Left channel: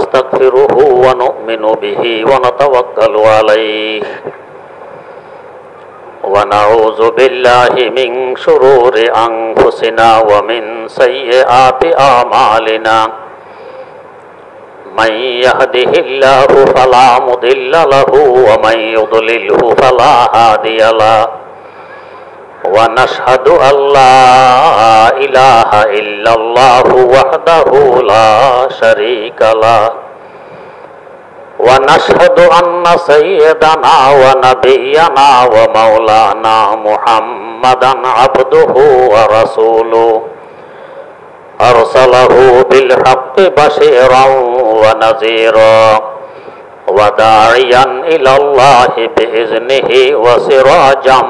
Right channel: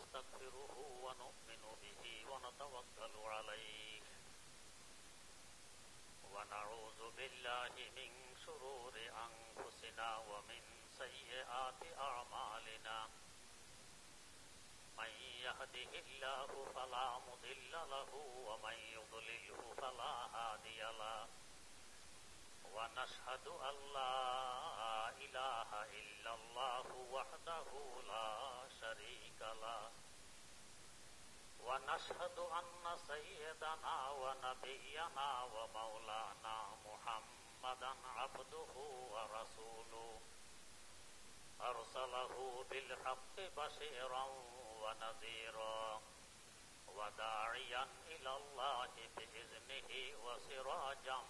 نستغفره ونؤمن به ونتوكل عليه ونعوذ بالله من شرور أنفسنا ومن سيئات أعمالنا من يهده الله فلا مضل له ومن يضلله فلا هادي له ونشهد أن لا إله إلا الله وحده لا شريك له ونشهد أن سيدنا ونبينا ومولانا محمدا عبده ورسوله أرسله بالحق بشيرا ونذيرا وداعيا إلى الله بإذنه وسراجا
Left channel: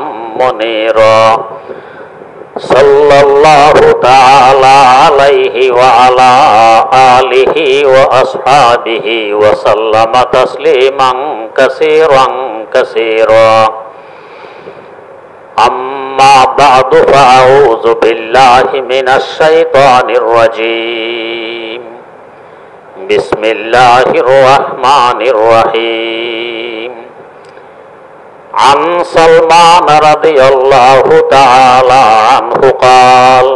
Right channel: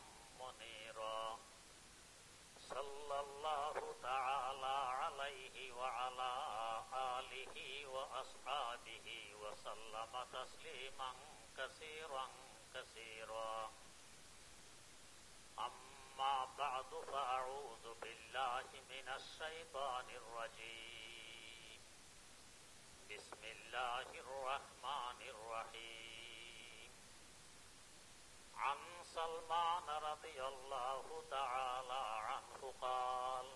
منيرا صلى الله تعالى عليه وعلى آله وأصحابه وسلم تسليما كثيرا كثيرا أما بعد فأعوذ بالله من الشيطان الرجيم بسم الله الرحمن الرحيم عن سلمان رضي الله تعالى عنه قال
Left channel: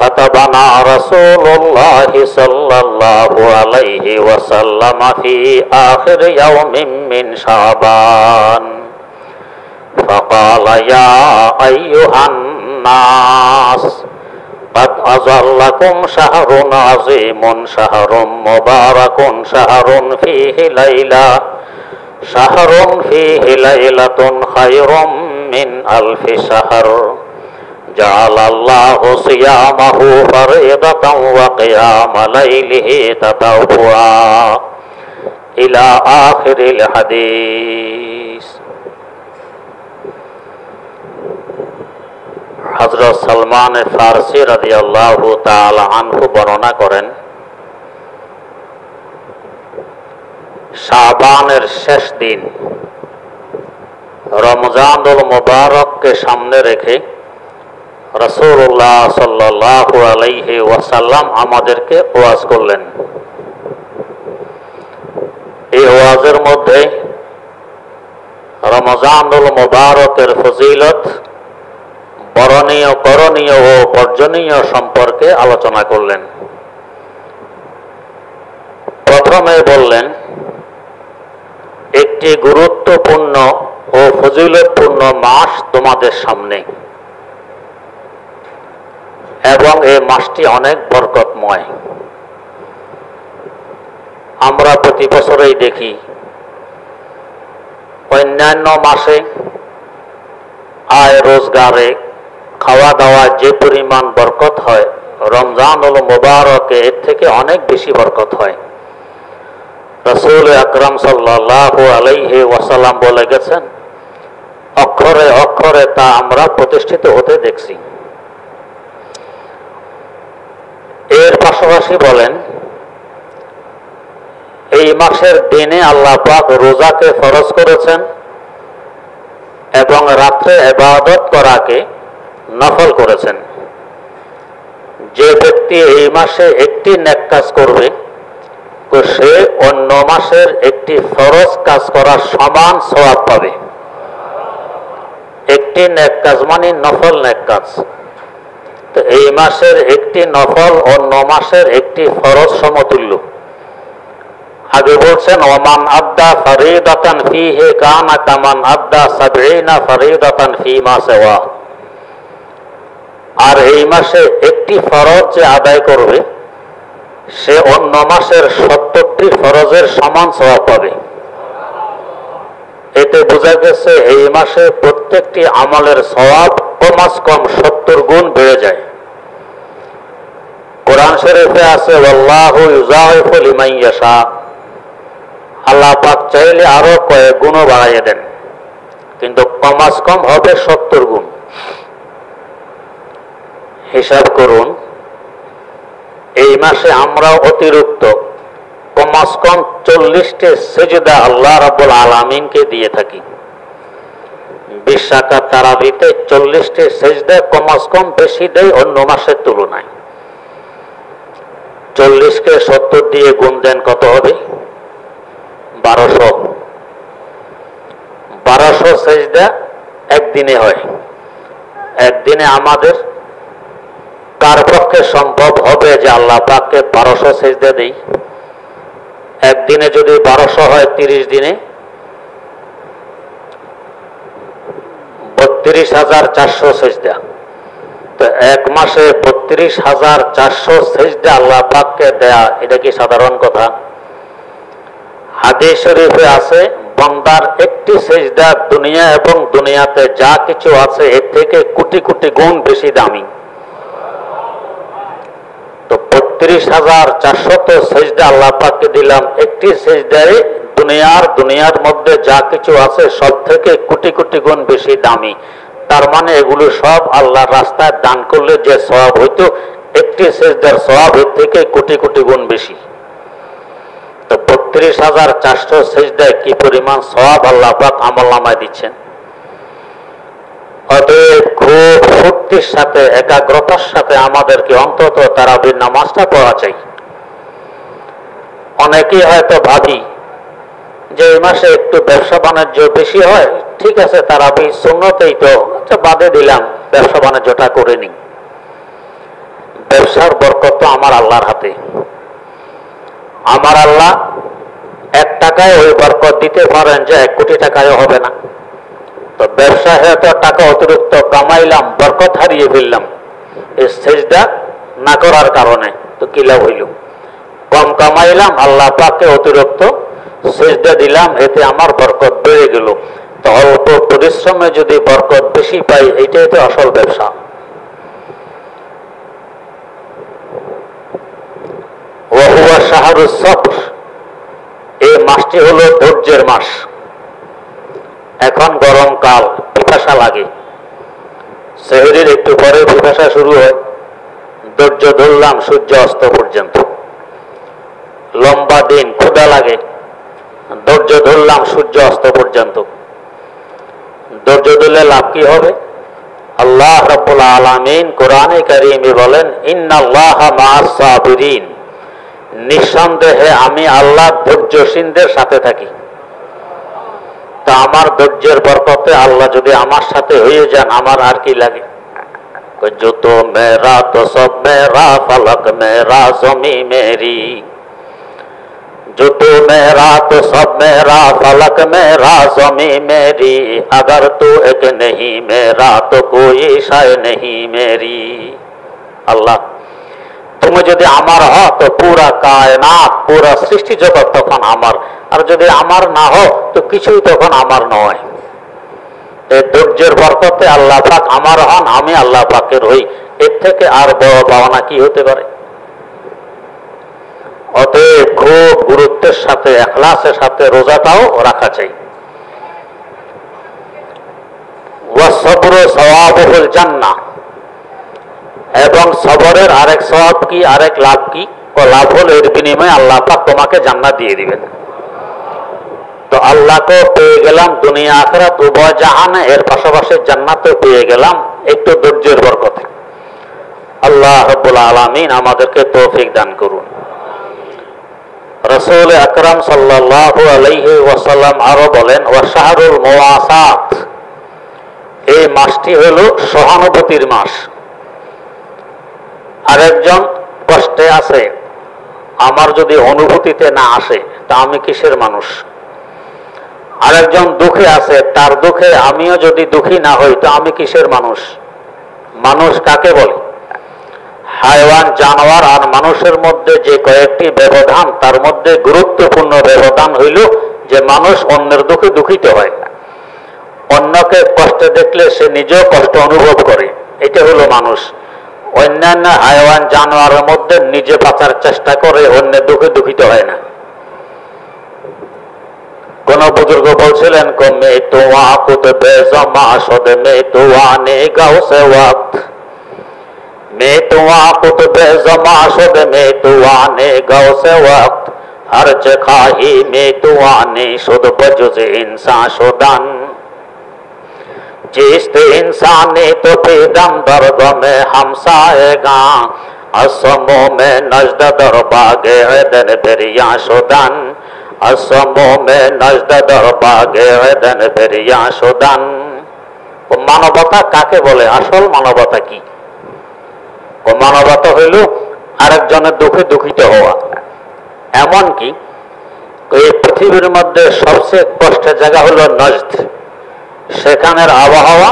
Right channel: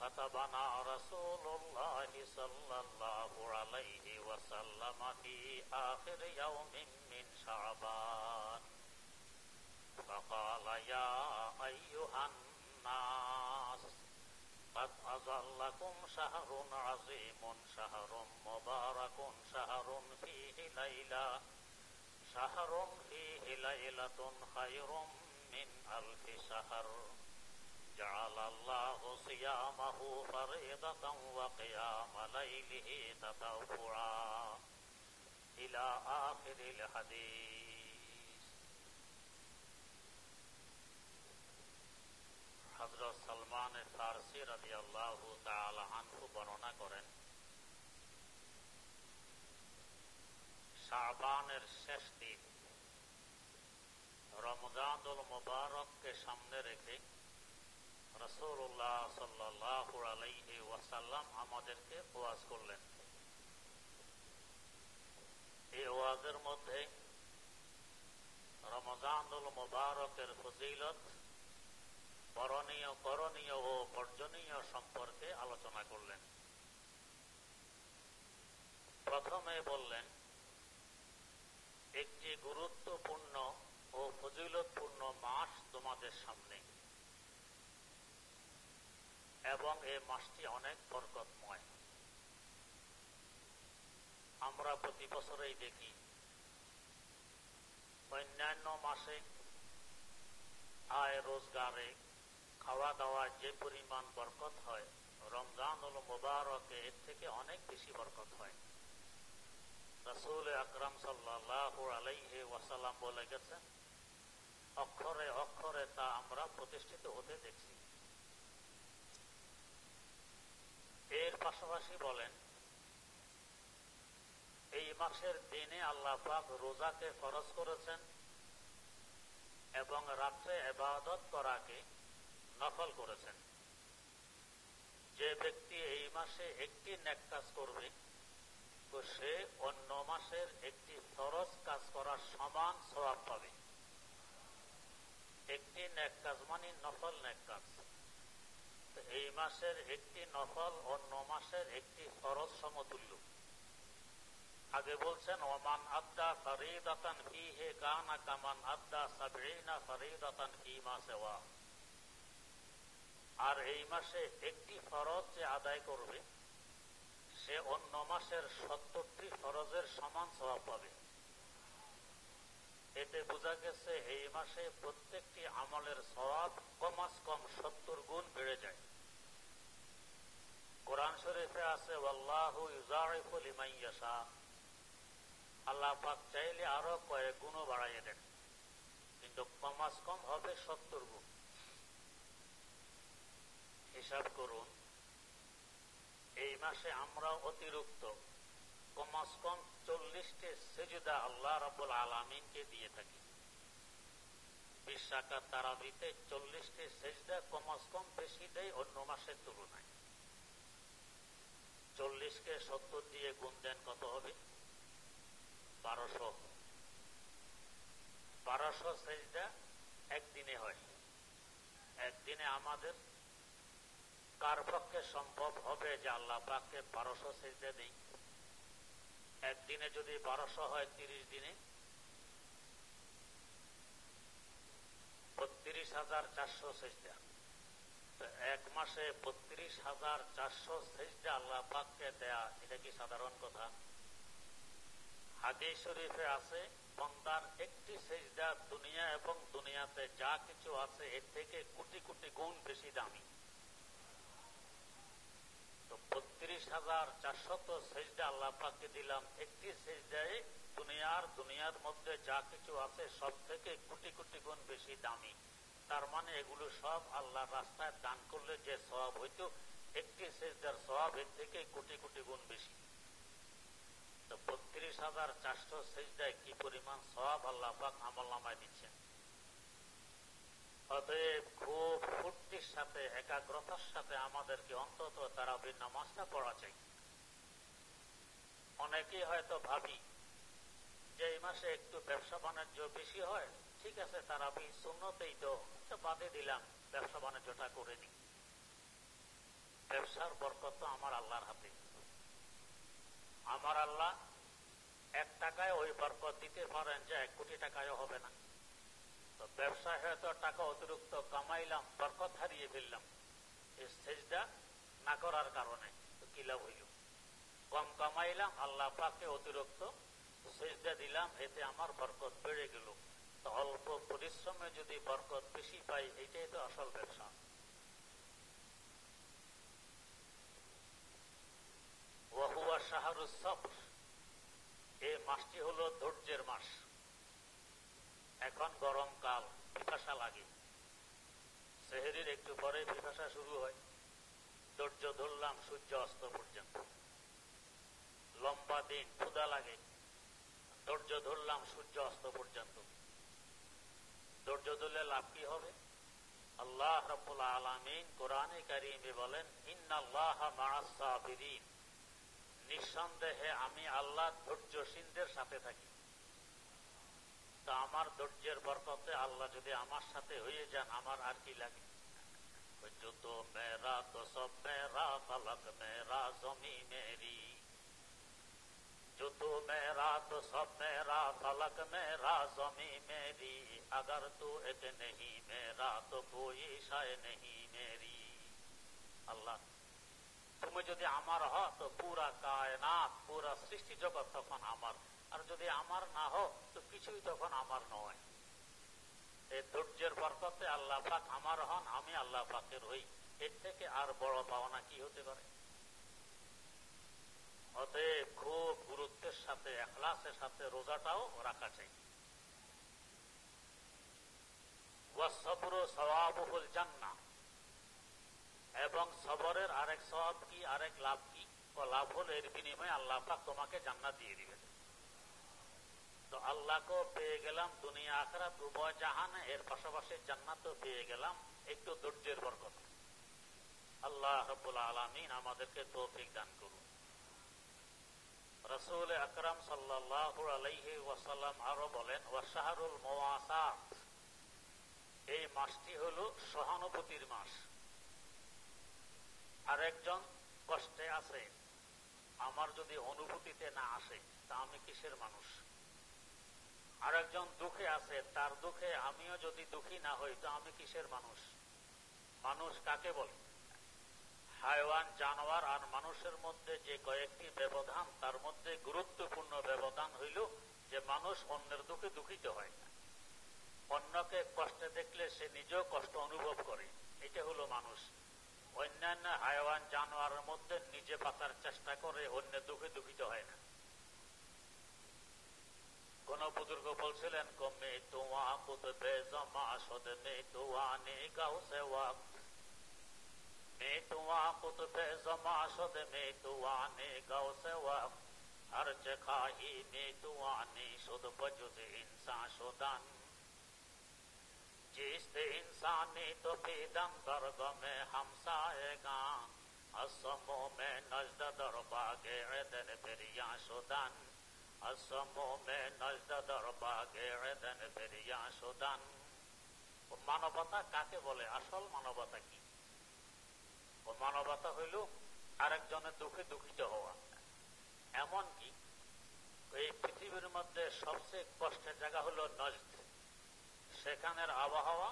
خطبنا رسول الله صلى الله عليه وسلم في آخر يوم من شعبان فقال يا أيها الناس قد أظلكم شهر عظيم شهر مبارك شهر فيه ليلة خير من ألف شهر جعل الله صيامه فريضة وقيام ليله تطوعا إلى آخر الحديث। হযরত সালমান ফারসি রাদিয়াল্লাহু তাআলা আনহু বর্ণনা করেন, শাবানের শেষ দিন রমজানুল মুবারককে সামনে রেখে রাসূলুল্লাহ সাল্লাল্লাহু আলাইহি ওয়াসাল্লাম আমাদেরকে ওয়াজ করলেন। এই ওয়াজের মধ্যে রমজানুল মুবারকের ফজিলত, বরণীয়, করণীয় ও বর্জনীয় সম্পর্কে আলোচনা করলেন। প্রথমে বললেন, একটি গুরুত্বপূর্ণ ও ফজিলতপূর্ণ মাস তোমাদের সামনে এবং এই মাসটি অনেক বরকতময়। আমরা প্রতি বছরেই দেখি অন্যান্য মাসে আয় রোজগারে, খাওয়া দাওয়া যে পরিমাণ বরকত হয়, রমজানুল মুবারকে এর থেকে অনেক বেশি বরকত হয়। রাসূল আকরাম সাল্লাল্লাহু আলাইহি ওয়াসাল্লাম বলে গেছেন, অক্ষরে অক্ষরে তা আমরা প্রতিষ্ঠিত হতে দেখছি। এর পাশাপাশি বলেন, এই মাসের দিনে আল্লাহ পাক রোজাকে ফরজ করেছেন এবং রাত্রে ইবাদত করাকে নফল করেছেন। যে ব্যক্তি এই মাসে একটি নেক কাজ করবে, তো সে অন্য মাসের একটি ফরজ কাজ করার সমান সওয়াব পাবে। একটি নেক কাজ মানে নফল নেক কাজ। তো এই মাসের একটি নফল অন্য মাসের একটি ফরজ সমতুল্য। আগে বলছেন, ওমান আদ্দা ফরিদাতান ফীহি কানা কামান আদ্দা ৭০ ফরিদাতান ফীমা সিওয়া। আর এই মাসে একটি ফরজ যে আদায় করবে, সে অন্য মাসের ৭০টি ফরজের সমান সওয়াব পাবে। এতে বোঝা গেছে এই মাসে প্রত্যেকটি আমলের সওয়াব কমাস কম ৭০ গুণ বেড়ে যায়। কোরআন শরীফে আছে, ওয়াল্লাহু ইউযাইফু লিমান ইয়াশা। আল্লাহ পাক চাইলে আরো কয়েক গুণও বাড়াইয়ে দেন, কিন্তু কমাস কম হবে ৭০ গুণ। হিসাব করুন, এই মাসে আমরা অতিরিক্ত কমাস কম 40টি সিজদা আল্লাহ রাব্বুল আলামিনকে দিয়ে থাকি। 20 রাকাত তারাবিতে 40টি সিজদা, কমাস কম বেশি দেয় অন্য মাসের তুলনায়। 40কে 70 দিয়ে গুণ দেন, কত হবে? 1200। 1200 সেজদা একদিনে হয়। একদিনে আমাদের কার পক্ষে সম্ভব হবে যে আল্লাহ পাককে 1200 সেজদা দেই? একদিনে যদি 1200 হয়, 30 দিনে 32,400 সেজদা। তো এক মাসে 32,400 সেজদা আল্লাহ পাককে দেয়া, এটা কি সাধারণ কথা? হাদিস শরীফে আছে, বান্দার একটি সেজদা দুনিয়া এবং দুনিয়াতে যা কিছু আছে এর থেকে কোটি কোটি গুণ বেশি দামি। তো 32,400 তো সেজদা আল্লাহ পাককে দিলাম, একটি সেজদায় দুনিয়ার মধ্যে যা কিছু আছে সব থেকে কোটি কোটি গুণ বেশি দামি। তার মানে এগুলো সব আল্লাহর রাস্তায় দান করলে যে সওয়াব হইতো, একটি সেজদার সওয়াব এর থেকে কোটি কোটি গুণ বেশি। তো 32,400 সেজদায় কি পরিমাণ সওয়াব আল্লাহ পাক আমলনামায় দিচ্ছেন। অতএব খুব শক্তির সাথে, একাগ্রতার সাথে আমাদেরকে অন্তত তারাবির নামাজটা পড়া চাই। অনেকেই হয়তো ভাবি যে এই মাসে একটু ব্যবসা বাণিজ্য বেশি হয়, ঠিক আছে তারাবি সুন্নতেই তো, আচ্ছা বাদে দিলাম, ব্যবসা বাণিজ্যটা করে নি। ব্যবসার বরকত তো আমার আল্লাহর হাতে। আমার আল্লাহ 1 টাকায় ওই বরকত দিতে পারেন যে 1 কোটি টাকায় হবে না। তো ব্যবসায় হয়তো টাকা অতিরিক্ত কামাইলাম, বরকত হারিয়ে ফেললাম এই সেজদা না করার কারণে, তো কি লাভ হইল? কম কামাইলাম, আল্লাহ পাককে অতিরিক্ত সেজদা দিলাম, এতে আমার বরকত বেড়ে গেল। তো অল্প পরিশ্রমে যদি বরকত বেশি পাই, এইটাই তো আসল ব্যবসা। ওয়াহুয়া শাহরুস সবর, এই মাসটি হলো ধৈর্যের মাস। এখন গরমকাল, পিপাসা লাগে, সেহরির একটু পরে পিপাসা শুরু হয়। ধৈর্য ধরলাম সূর্য অস্ত পর্যন্ত, লম্বা দিন, ক্ষুধা লাগে, ধৈর্য ধরলাম সূর্য অস্ত পর্যন্ত। ধৈর্য ধরলে লাভ কি হবে? আল্লাহ রাব্বুল আলামিন কোরআনে কারীমে বলেন, ইন্নাল্লাহা মা'আস সাবিরিন, নিঃসন্দেহে আমি আল্লাহ ধৈর্যশীলদের সাথে থাকি। তা আমার ধৈর্যের বরকতে আল্লাহ যদি আমার সাথে হয়ে যান, আমার আর কি লাগে? जो तो मेरा तो सब मेरा, फलक मेरा ज़मीं मेरी, जो तो मेरा तो सब मेरा, फलक मेरा ज़मीं मेरी, अगर तू एक नहीं मेरा तो कोई शय नहीं मेरी। আল্লাহ তুমি যদি আমার হও তো পুরা কায়নাত, পুরা সৃষ্টি জগৎ তখন আমার, আর যদি আমার না হও তো কিছুই তখন আমার নয়। এই ধৈর্যের বরকতে আল্লাহ পাক আমার হন, আমি আল্লাহ পাকের হই, এর থেকে আর বড় পাওনা কি হতে পারে? অতএব খুব গুরুত্বের সাথে, ইখলাসের সাথে রোজাটাও রাখা চাই। ওয়াসবরু সওয়াবুল জান্নাহ, এবং সবরের আরেক সওয়াব কি, আরেক লাভ কি? ও লাভ হল এর বিনিময়ে আল্লাহ পাক তোমাকে জান্নাত দিয়ে দিবেন। তো আল্লাহকে পেয়ে গেলাম দুনিয়া আখিরাত উভয় জাহানে, এর পাশাপাশি জান্নাতও পেয়ে গেলাম একটু ধৈর্যের বরকতে। আল্লাহ রাব্বুল আলামিন আমাদেরকে তৌফিক দান করুন। রাসূল আকরাম সাল্লাল্লাহু আলাইহি ওয়াসাল্লাম আরো বলেন, ওয়া শাহরুল মুওয়াসাত, এই মাসটি হলো সহানুভূতির মাস। আরেকজন কষ্টে আছে, আমার যদি অনুভূতিতে না আসে তা আমি কিসের মানুষ? আরেকজন দুঃখে আছে, তার দুঃখে আমিও যদি দুঃখী না হই তো আমি কিসের মানুষ? মানুষ কাকে বলে? হায়ওয়ান, জানোয়ার আর মানুষের মধ্যে যে কয়েকটি ব্যবধান, তার মধ্যে গুরুত্বপূর্ণ ব্যবধান হইল যে মানুষ অন্যের দুঃখে দুঃখিত হয়, অন্যকে কষ্টে দেখলে সে নিজেও কষ্ট অনুভব করে, এটা হলো মানুষ। অন্যান্য হায়ওয়ান জানোয়ারের মধ্যে নিজে বাঁচার চেষ্টা করে, অন্যের দুঃখে দুঃখিত হয় না। কোন বুজুর্গ বলছিলেন, মে তো আকুত বেজমা শদ মে তো আনে গাও সে ওয়াক্ত, মে তো আকুত বেজমা শদ মে তো আনে গাও সে ওয়াক্ত, हर जखाही में तो आने शुद बजुज इंसान शुदन, जिस इंसान ने तो बेदम दर्द में हमसाएगा, असमो में नजद दरबागे एदन बेरिया शोदान असमो में नजद दरबागे एदन बेरिया शोदान। মানবতা কাকে বলে? আসল মানবতা কি? ও মানবতা হইল আরেকজনের দুঃখে দুঃখিত হওয়া। এমন কি এই পৃথিবীর মধ্যে সবচেয়ে কষ্টের জায়গা হলো নজদ। সেখানের আবহাওয়া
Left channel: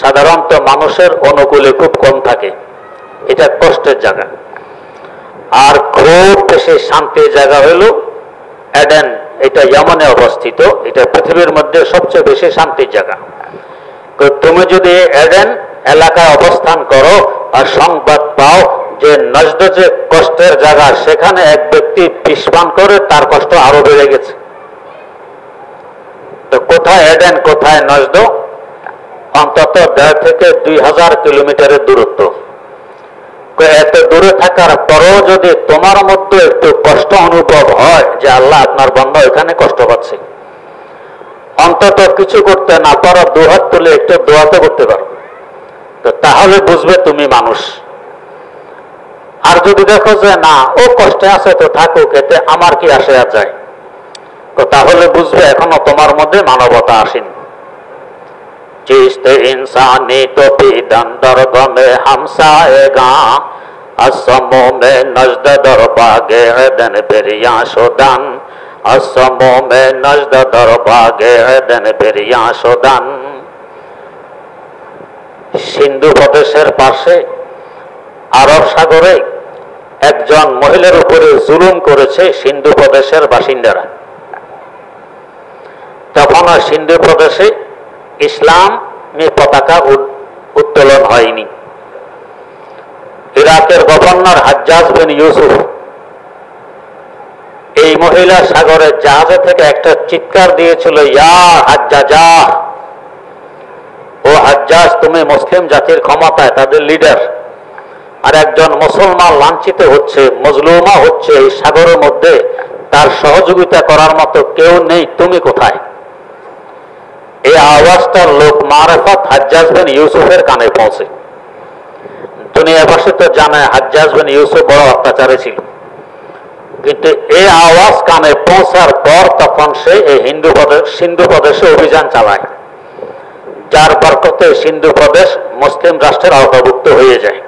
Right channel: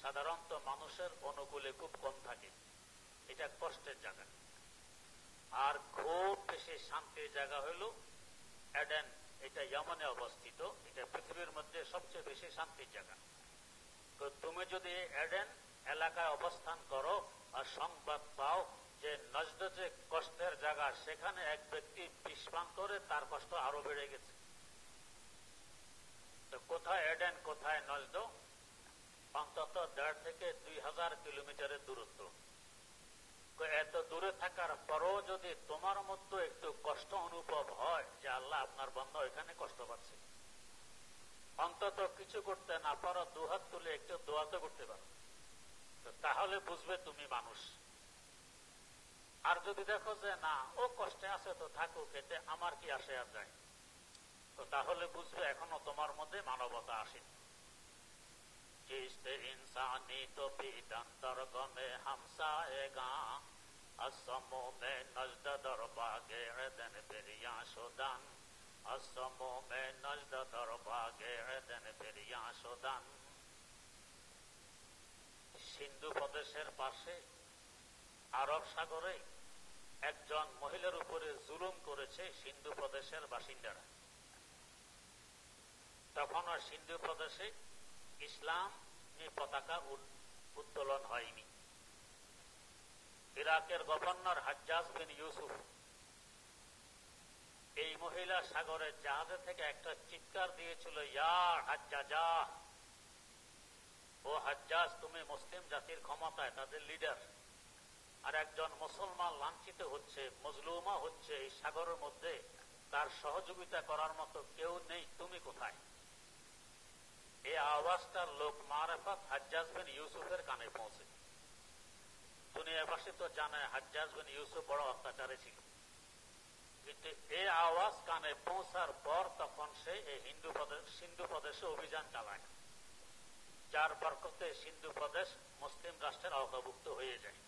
সাধারণত মানুষের অনুকূলে খুব কম থাকে, এটা কষ্টের জায়গা। আর খুব বেশি শান্তির জায়গা হইল এডেন, এটা ইয়েমেনে অবস্থিত, এটা পৃথিবীর মধ্যে সবচেয়ে বেশি শান্তির জায়গা। তুমি যদি এডেন এলাকায় অবস্থান করো আর সংবাদ পাও যে নজদ যে কষ্টের জায়গা, সেখানে এক ব্যক্তি বিষ পান করে তার কষ্ট আরো বেড়ে গেছে, তো কোথায় এডেন কোথায় নজদ? অন্তত 1.5 থেকে 2,000 কিলোমিটারের দূরত্ব। এত দূরে থাকার পরও যদি তোমার মধ্যে একটু কষ্ট অনুভব হয় যে আল্লাহ আপনার বান্দা এখানে কষ্ট পাচ্ছে, অন্তত কিছু করতে না পারো, দুহাত তুলে একটু দোয়া তো করতে পারো, তো তাহলে বুঝবে তুমি মানুষ। আর যদি দেখো যে না ও কষ্টে আছে তো থাকুক, এতে আমার কি আসে আর যায়, তো তাহলে বুঝবে এখনো তোমার মধ্যে মানবতা আসেনি। जिसते इंसानी तो पीदन दर्द में हमसाएगा असमो में नजद दरबागे एदन बेरिया शोदान असमो में नजद दरबागे एदन बेरिया शोदान। সিন্ধু প্রদেশের পাশে আরব সাগরে একজন মহিলার উপরে জুলুম করেছে সিন্ধু প্রদেশের বাসিন্দারা। তখন সিন্ধু প্রদেশে ইসলামী পতাকা উত্তোলন হয়নি। ইরাকের গভর্নর হাজ্জাজ বিন ইউসুফ এই মহিলা সাগরের জাহাজে থেকে একটা চিৎকার দিয়েছিল, ইয়া হাজ্জাজা, ও হাজ্জাজ তুমি মুসলিম জাতির ক্ষমতায়, তাদের লিডার, আর একজন মুসলমান লাঞ্ছিত হচ্ছে, মজলুমা হচ্ছে এই সাগরের মধ্যে, তার সহযোগিতা করার মতো কেউ নেই, তুমি কোথায়? এই আওয়াজটা লোক মারেফত হাজ্জাজ বিন ইউসুফের কানে পৌঁছে। দুনিয়াবাসী তো জানে হাজ্জাজ বিন ইউসুফ বড় অত্যাচারী ছিল, কিন্তু এই আওয়াজ কানে পৌঁছার পর তখন সে এই সিন্ধু প্রদেশে অভিযান চালায়, যার বরকতে সিন্ধু প্রদেশ মুসলিম রাষ্ট্রের আওতাভুক্ত হয়ে যায়।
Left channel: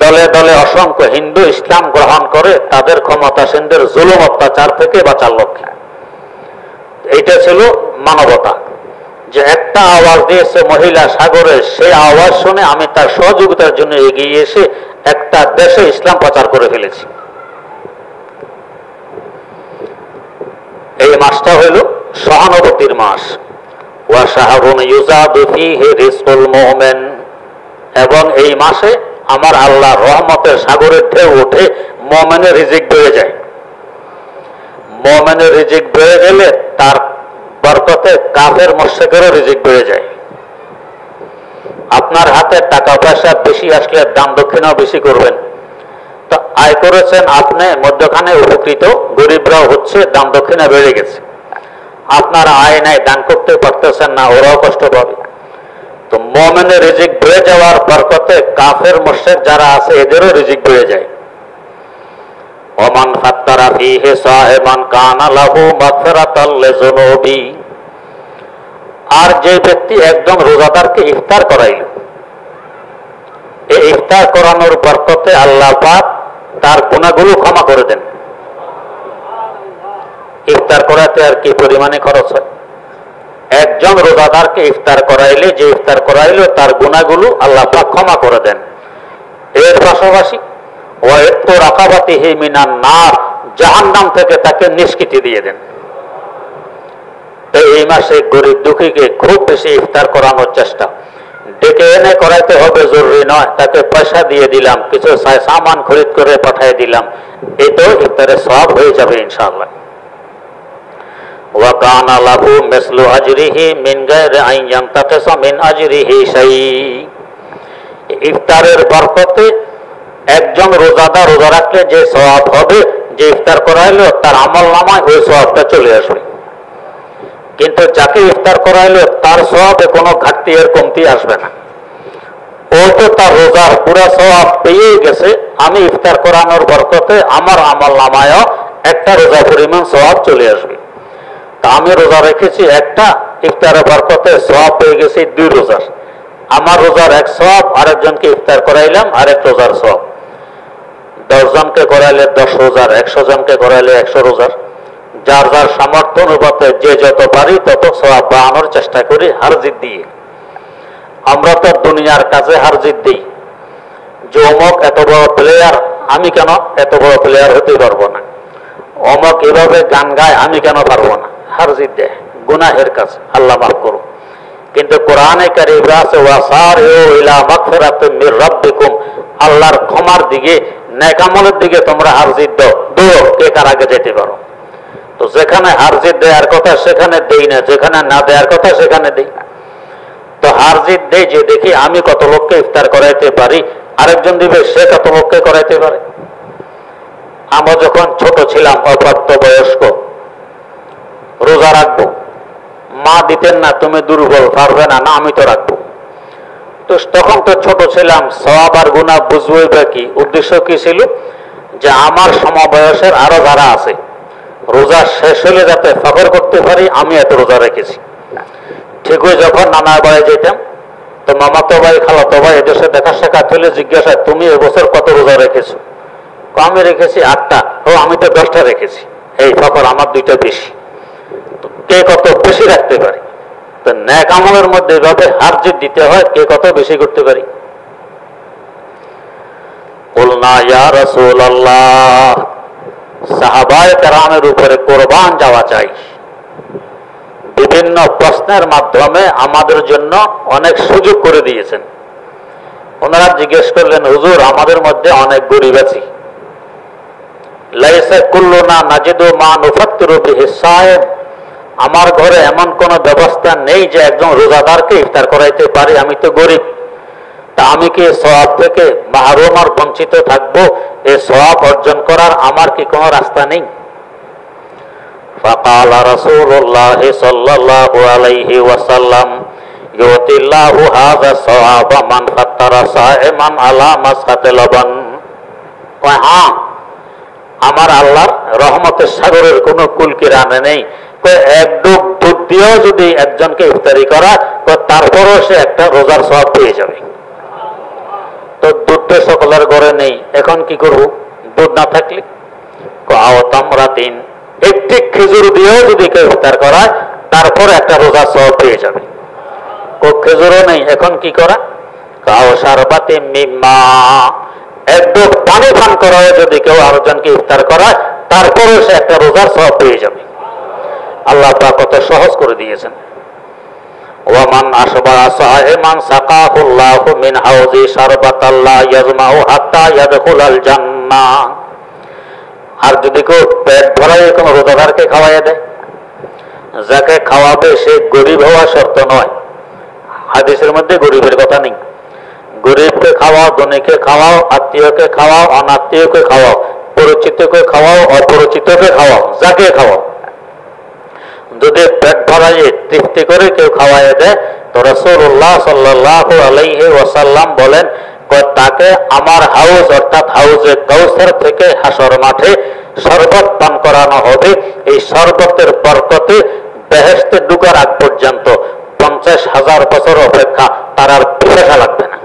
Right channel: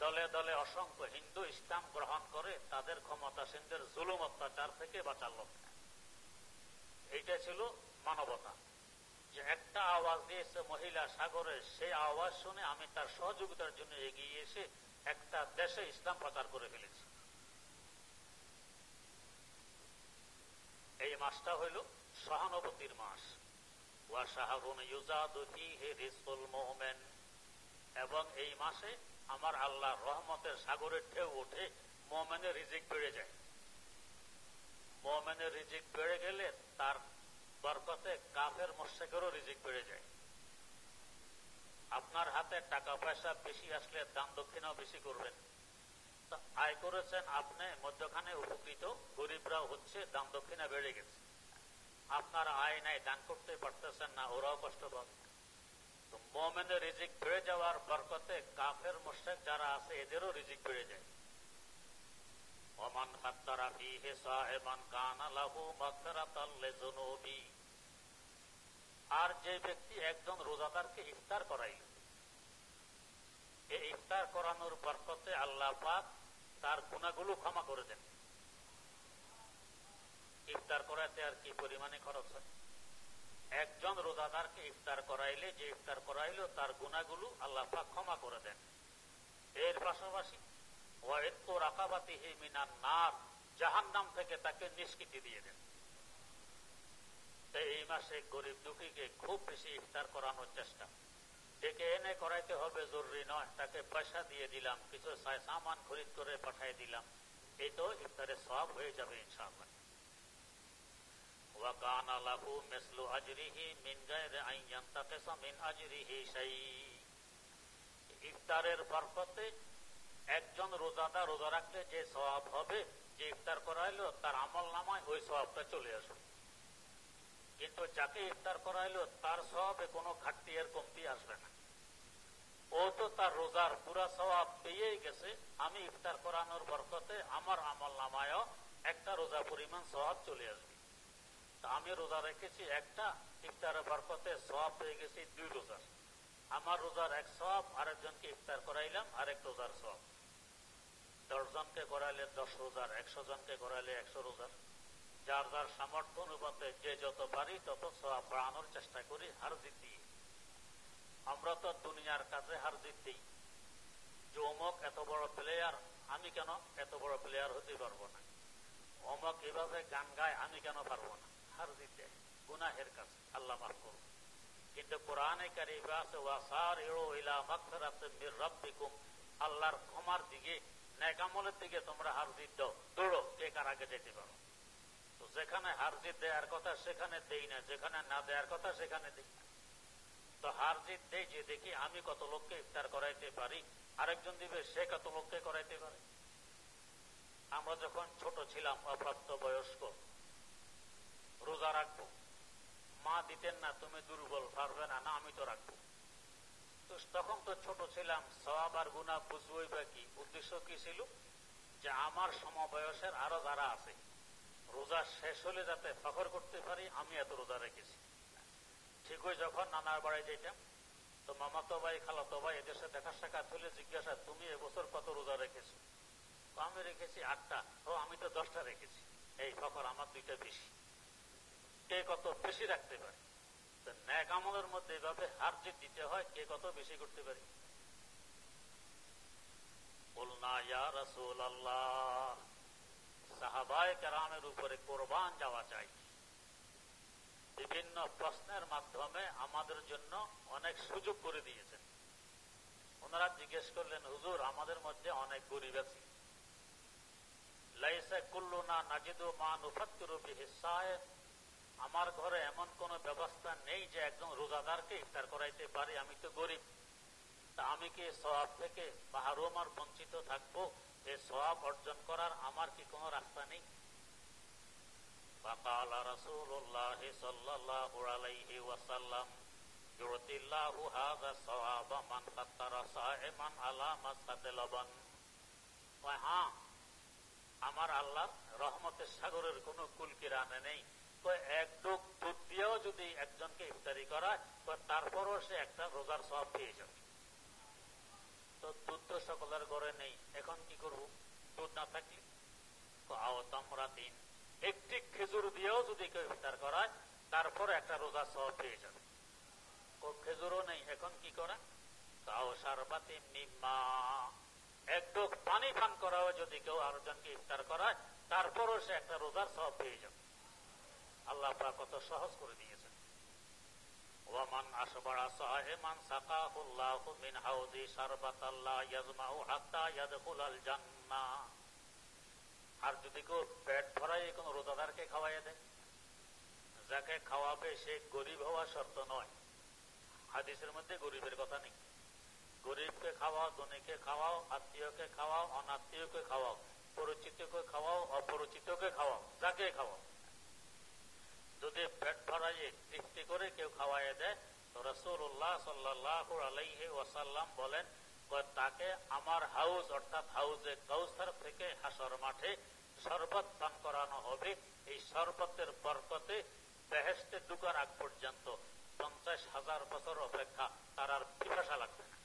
দলে দলে অসংখ্য হিন্দু ইসলাম গ্রহণ করে তাদের ক্ষমতাসীনদের জুলুম অত্যাচার থেকে বাঁচার লক্ষ্যে। এটা ছিল মানবতা, যে একটা আওয়াজ দিয়েছে মহিলা সাগরে, সেই আওয়াজ শুনে আমি তার সহযোগিতার জন্য এগিয়ে এসে একটা দেশে ইসলাম প্রচার করে ফেলেছি। এই মাসটা হইল সহানুভূতির মাস। ওয়া শাহরুন ইউজাদু ফীহি রিজকুল মুমিন, এবং এই মাসে আমার আল্লাহর রহমতের সাগরের ঢেউ ওঠে, মুমিনের রিজিক বেড়ে যায়। মুমিনের রিজিক বেড়ে গেলে তার বরকতে কাফের মুশরিকেরও রিজিক বেড়ে যায়। আপনার হাতে টাকা পয়সা বেশি আসলে দান দক্ষিণাও বেশি করবেন, তো আয় করেছেন আপনি, মধ্যখানে উপকৃত গরিবরাও হচ্ছে, দান দক্ষিণা বেড়ে গেছে। আপনার আয় নাই, দান করতে পারতেছেন না, ওরাও কষ্ট পাবে। তো মুমিনের রিজিক বেড়ে যাওয়ার বরকতে কাফের মুশরিক যারা আছে এদেরও রিজিক বেড়ে যায়। ওমান ফাত্তারা ফীহি সাহিমান কানা লাহু মাগফিরাতাল লিযুনুবি, আর যে ব্যক্তি একদম রোজাদারকে ইফতার করাইল, এই ইফতার করানোর বরকতে আল্লাহ পাক তার গুনাহগুলো ক্ষমা করে দেন। ইফতার করাতে আর কি পরিমাণে খরচ হয়? একজন রোজাদারকে ইফতার করাইলে, যে ইফতার করাইল তার গুনাহগুলো আল্লাহ পাক ক্ষমা করে দেন। এর পাশাপাশি ওয়াইতু রাকাবাতিহি মিনান নার, জাহান্নাম থেকে তাকে নিষ্কৃতি দিয়ে দেন। এই মাসে গরিব দুঃখীকে খুব বেশি ইফতার করানোর চেষ্টা, ডেকে এনে করাইতে হবে জরুরি নয়, তাকে পয়সা দিয়ে দিলাম, কিছু সামান খরিদ করে পাঠিয়ে দিলাম, এটাও ইফতারের সওয়াব হয়ে যাবে ইনশাআল্লাহ। ওয়া কানা লাহু মিসলু আজরিহি মিন গায়রি আন ইয়ানতাকিসা মিন আজরিহি শাই, ইফতারের বরকতে একজন রোজাদার রোজা রাখলে যে সওয়াব হবে, যে ইফতার করাইলো তার আমলনামায় ওই সওয়াবটা চলে আসবে। কিন্তু যাকে ইফতার করাইলো তার সওয়াবে কোনো ঘাটতি এর কমতি আসবে না। ও তো তার রোজার পুরা সওয়াব পেয়ে গেছে, আমি ইফতার করানোর বরকতে আমার আমল নামায়ও একটা রোজা পরিমাণ সওয়াব চলে আসবে। তা আমি রোজা রেখেছি একটা, ইফতারের বরকতে সওয়াব পেয়ে গেছি 2 রোজার। আমার রোজার 1 সওয়াব, আরেকজনকে ইফতার করাইলাম আরেক রোজার সওয়াব। 10 জনকে করাইলে 10 রোজার, 100 জনকে করাইলে 100 রোজার। যার যার সামর্থ্য অনুপাতে যে যত পারি তত সওয়াব বাড়ানোর চেষ্টা করি হার জিত দিয়ে। আমরা তো দুনিয়ার কাছে হার জিত দিই যে অমুক এত বড় প্লেয়ার, আমি কেন এত বড় প্লেয়ার হতে পারবো না, অমুক এভাবে গান গায়, আমি কেন পারবো না, হার জিত দেয় গুনাহের কাছে, আল্লাহ মাফ করুন। কিন্তু কোরআনে কারীমে আছে ওয়াসারিউ ইলা মাগফিরাতিন মির রাব্বিকুম, আল্লাহর ক্ষমার দিকে, নেক আমলের দিকে তোমরা হার জিত দাও, দৌড় কে কার আগে যেতে পারো। তো যেখানে হার জিত দেওয়ার কথা সেখানে দেই না, যেখানে না দেওয়ার কথা সেখানে দেই। তো হার জিত দেই যে দেখি আমি কত লোককে ইফতার করাইতে পারি, আরেকজন দিবে সে কত লোককে করাইতে পারে। আমরা যখন ছোট ছিলাম, অপ্রাপ্ত বয়স্ক, রোজা রাখবো, মা দিতেন না তুমি দুর্বল পারবে না, না আমি তো রাখবো। তো তখন তো ছোট ছিলাম, সওয়াব আর গুনাহ বুঝবই বা কি, উদ্দেশ্য কি ছিল যে আমার সমবয়সের আরো যারা আছে রোজা শেষ হলে যাতে ফখর করতে পারি আমি এত রোজা রেখেছি। ঠিকই যখন নানার বাড়ি যেতাম তো মামাতো ভাই খালাতো ভাই এদেশে দেখা সাক্ষাৎ হলে জিজ্ঞাসা তুমি এবছর কত রোজা রেখেছো? আমি রেখেছি 8টা। ও আমি তো 10টা রেখেছি, এই ফখর আমার 2টা বেশি। কে কত বেশি রাখতে পারি, তো নেক আমলের মধ্যে এভাবে হার জিত দিতে হয়, কে কত বেশি করতে পারি। কুলনা ইয়া রাসূলুল্লাহ, সাহাবায়ে কেরামের উপরে কোরবান যাওয়া চাই। বিভিন্ন প্রশ্নের মাধ্যমে আমাদের জন্য অনেক সুযোগ করে দিয়েছেন। ওনারা জিজ্ঞেস করলেন হুজুর আমাদের মধ্যে অনেক গরিব আছি, লাইসা কুল্লুনা নাজিদু মা নুফাত্তিরু বিহি সায়েম, আমার ঘরে এমন কোন ব্যবস্থা নেই যে একজন রোজাদারকে ইফতার করাইতে পারি, আমি তো গরিব। তা আমি কি সওয়াব থেকে মাহরুম আর বঞ্চিত থাকবো? এই সওয়াব অর্জন করার আমার কি কোনো রাস্তা নেই? ফাকালা রাসূলুল্লাহ সাল্লাল্লাহু আলাইহি ওয়াসাল্লাম ইউতিল্লাহু হাযা সওয়াবা মান ফাত্তারা সাইমান আলা মাসকাতে লবন। হ্যাঁ, আমার আল্লাহর রহমতের সাগরের কোনো কুল কিনারা নেই। এক ডুব দুধ দিয়েও যদি একজনকে ইফতারি করা তো তারপরও সে একটা রোজার সওয়াব পেয়ে যাবে। তো দুধ তো সকলের ঘরে নেই, এখন কি করব? দুধ না থাকলে একটি খেজুর দিয়েও যদি কেউ ইফতার করায় তারপর একটা রোজার সওয়াব পেয়ে যাবে। খেজুরও নেই, এখন কি করা? কাও শারবাতে মিম্মা, এক ডুব পানি পান করায় যদি কেউ আরেকজনকে ইফতার করায় তারপরও সে একটা রোজার সওয়াব পেয়ে যাবে। আল্লাহ পাক কত সহজ করে দিয়েছেন। ওয়ামান আশবারা সাইমান সাকাহুল্লাহু মিন হাউজি শারবাতাল্লাহ ইয়াজমাউ হাত্তা ইয়াদখুলাল জান্নাহ। আর যদি কেউ পেট ভরায় কোনো রোজাদারকে খাওয়াইয়া দেয়, যাকে খাওয়াবে সে গরিব হওয়া শর্ত নয়। হাদিসের মধ্যে গরিবের কথা নেই। গরিবকে খাওয়াও, ধনীকে খাওয়াও, আত্মীয়কে খাওয়াও, অনাত্মীয়কে খাওয়াও, পরিচিতকে খাওয়াও, অপরিচিতকে খাওয়াও, যাকে খাওয়াও, যদি পেট ভরাইয়ে তৃপ্তি করে কেউ খাওয়াইয়া দেয় তো রাসূলুল্লাহ সাল্লাল্লাহু আলাইহি ওয়াসাল্লাম বলেন তাকে আমার হাউজ অর্থাৎ হাউজে কাউসার থেকে হাসর মাঠে শরবত পান করানো হবে। এই শরবতের বরকতে বেহেশতে ঢোকার আগ পর্যন্ত 50,000 বছর অপেক্ষা তার আর পিপাসা লাগবে না।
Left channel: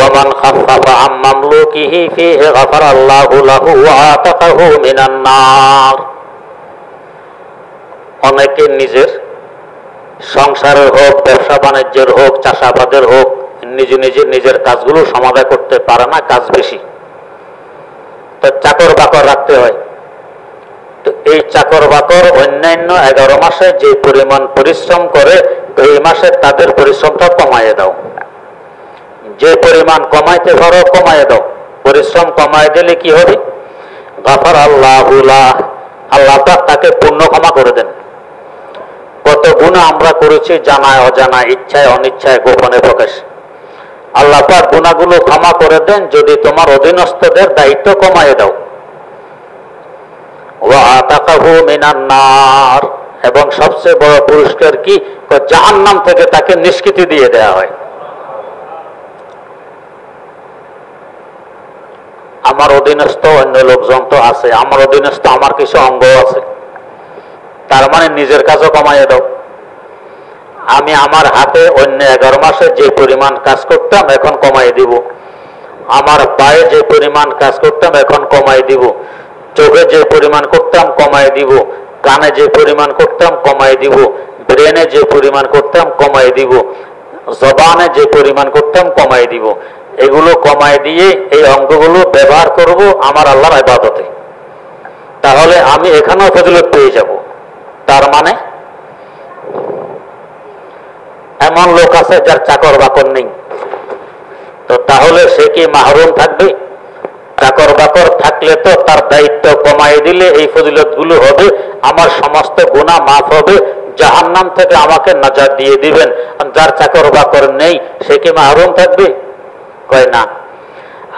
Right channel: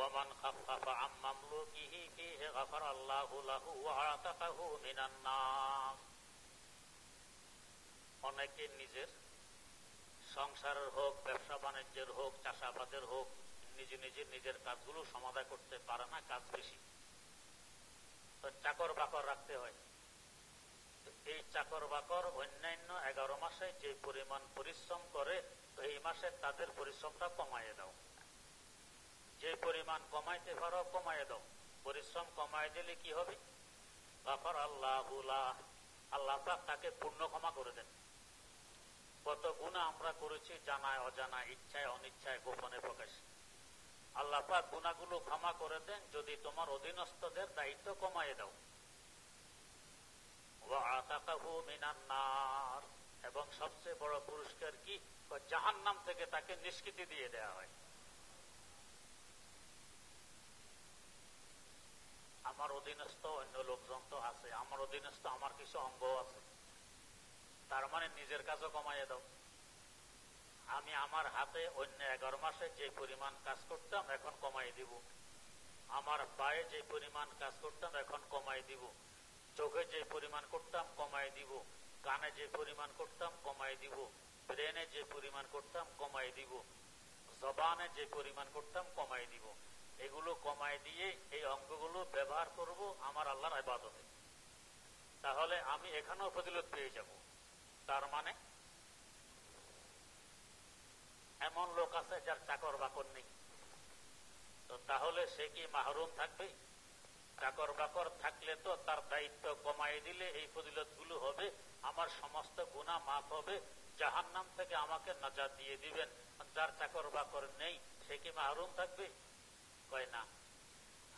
ومن خفف عن مملوكه فيه غفر الله له وعتقه من النار। অনেকে নিজের সংসারের হোক, ব্যবসা বাণিজ্যের হোক, চাষাবাদের হোক, নিজের কাজগুলো সমাধান করতে পারে না, কাজ বেশি, তো চাকর বাকর রাখতে হয়। তো এই চাকর বাকর অন্যান্য 11 মাসে যে পরিমাণ পরিশ্রম করে এই মাসে তাদের পরিশ্রমটা কমাইয়ে দাও। যে পরিমাণ কমাইতে পারো কমাইয়ে দাও। পরিশ্রম কমাই দিলে কি হবে? গাফার আল্লাহু লাহ, আল্লাহ পাক তাকে পূর্ণ ক্ষমা করে দেন। কত গুনাহ আমরা করেছি জানায় অজানায়, ইচ্ছায় অনিচ্ছায়, গোপনে প্রকাশ। আল্লাহ পাক গুনাহগুলো ক্ষমা করে দেন যদি তোমার অধীনস্থদের দায়িত্ব কমায় দাও। ওয়া আতাকাহু মিনান নার, এবং সবচেয়ে বড় পুরস্কার কি, জাহান্নাম থেকে তাকে নিষ্কৃতি দিয়ে দেয়া হয়। আমার অধীনস্থ অন্য লোকজন তো আছে, আমার অধীনস্থ আমার কিছু অঙ্গ আছে, তার মানে নিজের কাজও কমাইয়ে দাও। আমি আমার হাতে অন্য 11 মাসে যে পরিমাণ কাজ করতাম এখন কমাই দিব, আমার পায়ে যে পরিমাণ কাজ করতাম এখন কমাই দিব, চোখে যে পরিমাণ করতাম কমাই দিব, কানে যে পরিমাণ করতাম কমাই দিব, ব্রেনে যে পরিমাণ করতাম কমাই দিব, জবানে যে পরিমাণ করতাম কমাই দিব। এগুলো কমাই দিয়ে এই অঙ্গগুলো ব্যবহার করব আমার আল্লাহর ইবাদতে, তাহলে আমি এখানেও ফজিলত পেয়ে যাব। তার মানে এমন লোক আছে যার চাকর বাকর নেই, তো তাহলে সে কি মাহরুম থাকবে? চাকর বাকর থাকলে তো তার দায়িত্ব কমাই দিলে এই ফজিলতগুলো হবে, আমার সমস্ত গুনাহ মাফ হবে, জাহান্নাম থেকে আমাকে নাজাত দিয়ে দিবেন। যার চাকর বাকর নেই সে কি মাহরুম থাকবে? কয় না।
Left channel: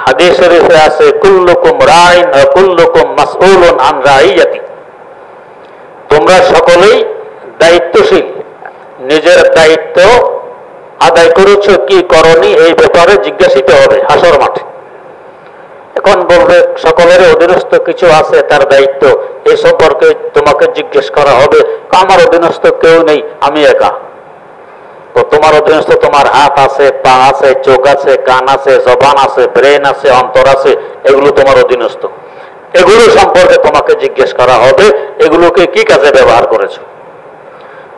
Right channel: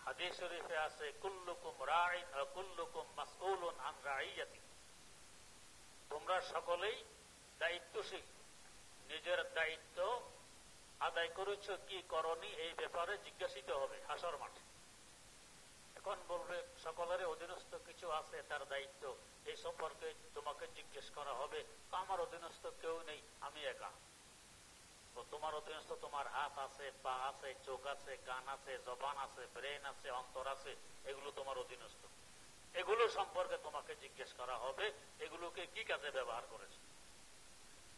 হাদিস শরীফে আছে কুল্লুকুম রাইন ওয়া কুল্লুকুম মাসউলুন আন রাইয়াতি, তোমরা সকলেই দায়িত্বশীল, নিজের দায়িত্ব আদায় করেছো কি করনি এই ব্যাপারে জিজ্ঞাসিত হবে হাসর মাঠে। এখন বলবে সকলের অধীনস্থ কিছু আছে তার দায়িত্ব, এই সম্পর্কে তোমাকে জিজ্ঞেস করা হবে। আমার অধীনস্থ কেউ নেই, আমি একা। তো তোমার অধীনস্থ তোমার হাত আছে, পা আছে, চোখ আছে, কান আছে, জবান আছে, ব্রেন আছে, অন্তর আছে, এগুলো তোমার অধীনস্থ। এগুলো সম্পর্কে তোমাকে জিজ্ঞেস করা হবে, এগুলোকে কি কাজে ব্যবহার করেছো।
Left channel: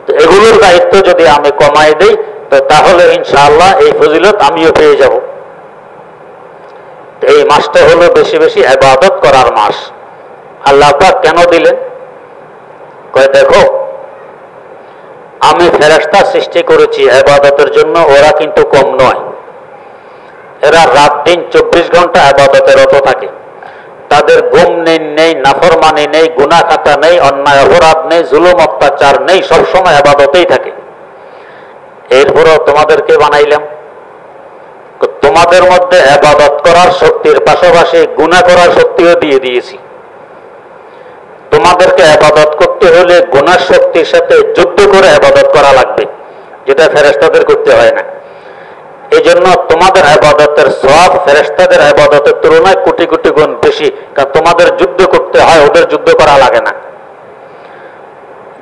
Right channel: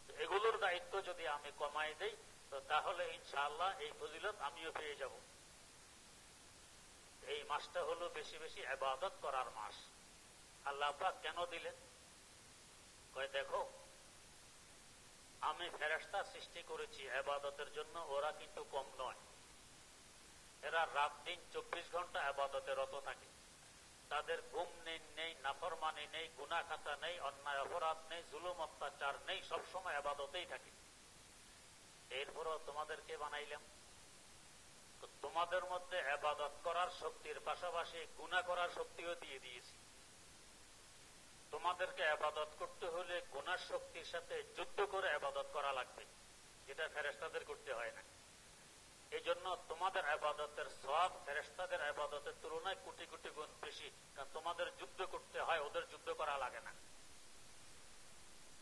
তো এগুলোর দায়িত্ব যদি আমি কমাই দেই তো তাহলে ইনশাআল্লাহ এই ফজিলত আমিও পেয়ে যাব। এই মাসটা হলো বেশি বেশি ইবাদত করার মাস। আল্লাহ পাক কেন দিলেন? কয় দেখো, আমি ফেরেশতা সৃষ্টি করেছি ইবাদতের জন্য, ওরা কিন্তু কম নয়। এরা রাত দিন 24 ঘন্টা ইবাদতে রত থাকে। তাদের ঘুম নেই, নাফরমানি নেই, গুনাহ খাতা নেই, অন্যায় অপরাধ নেই, জুলুম অত্যাচার নেই, সবসময় ইবাদতেই থাকে। এরপরও তোমাদেরকে বানাইলাম, তোমাদের মধ্যে ইবাদত করার শক্তির পাশাপাশি গুনাহ করার শক্তিও দিয়ে দিয়েছি। তোমাদেরকে ইবাদত করতে হলে গুনাহ শক্তির সাথে যুদ্ধ করে ইবাদত করা লাগবে, যেটা ফেরেশতাদের করতে হয় না। এই জন্য তোমাদের ইবাদতের সওয়াব ফেরেশতাদের ইবাদতের তুলনায় কোটি কোটি গুণ বেশি, কারণ তোমাদের যুদ্ধ করতে হয়, ওদের যুদ্ধ করা লাগে না।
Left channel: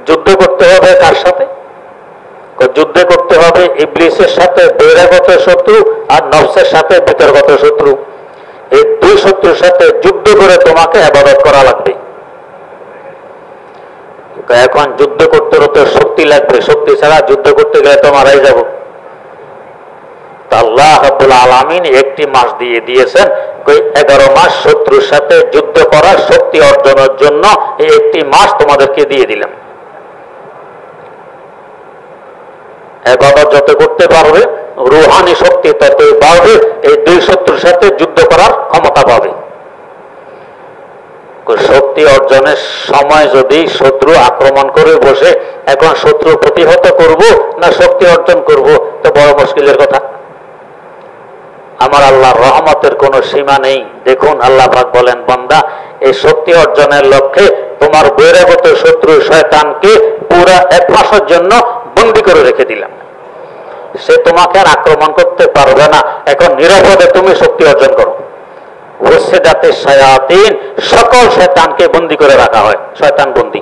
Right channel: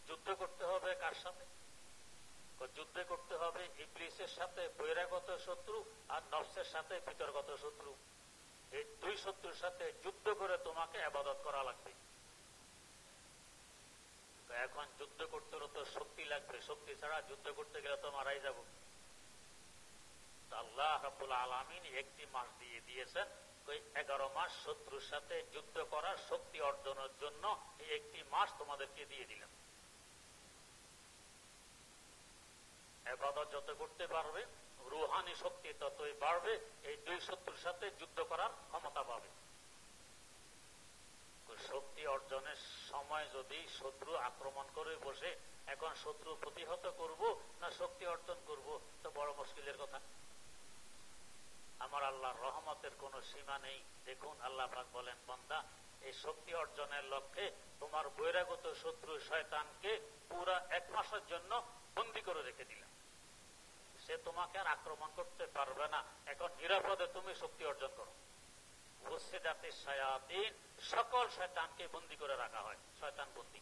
যুদ্ধ করতে হবে কার সাথে? যুদ্ধ করতে হবে ইবলিসের সাথে, বহিরাগত শত্রু, আর নফসের সাথে ভিতরগত শত্রু। এই দুই শত্রুর সাথে যুদ্ধ করে তোমাকে ইবাদত করা লাগবে। এখন যুদ্ধ করতে হতে শক্তি লাগবে, শক্তি ছাড়া যুদ্ধ করতে গেলে তো মারাই যাব। আল্লাহ রাব্বুল আলামিন একটি মাস দিয়ে দিয়েছেন, 11 মাস শত্রুর সাথে যুদ্ধ করার শক্তি অর্জনের জন্য এই একটি মাস তোমাদেরকে দিয়ে দিলাম। ইবাদত যত করতে পারবে রূহানি শক্তি ততই বাড়বে, এই দুই শত্রুর সাথে যুদ্ধ করার ক্ষমতা পাবে। শক্তি অর্জনের সময় যদি শত্রু আক্রমণ করে বসে, এখন শত্রু প্রতিহত করব না শক্তি অর্জন করব, তো বড় মুশকিলের কথা। আমার আল্লাহর রহমতের কোনো সীমা নেই। দেখুন আল্লাহ পাক বলেন, বান্দা এই শক্তি অর্জনের লক্ষ্যে তোমার বহিরাগত শত্রু শয়তানকে পুরা 1 মাসের জন্য বন্দী করে রেখে দিলাম। সে তোমাকে আর আক্রমণ করতে পারবে না। এখন নিরাপদে তুমি শক্তি অর্জন করো। ওয়াসিদাতে শায়াতিন, সকল শয়তানকে বন্দী করে রাখা হয়, শয়তান বন্দী।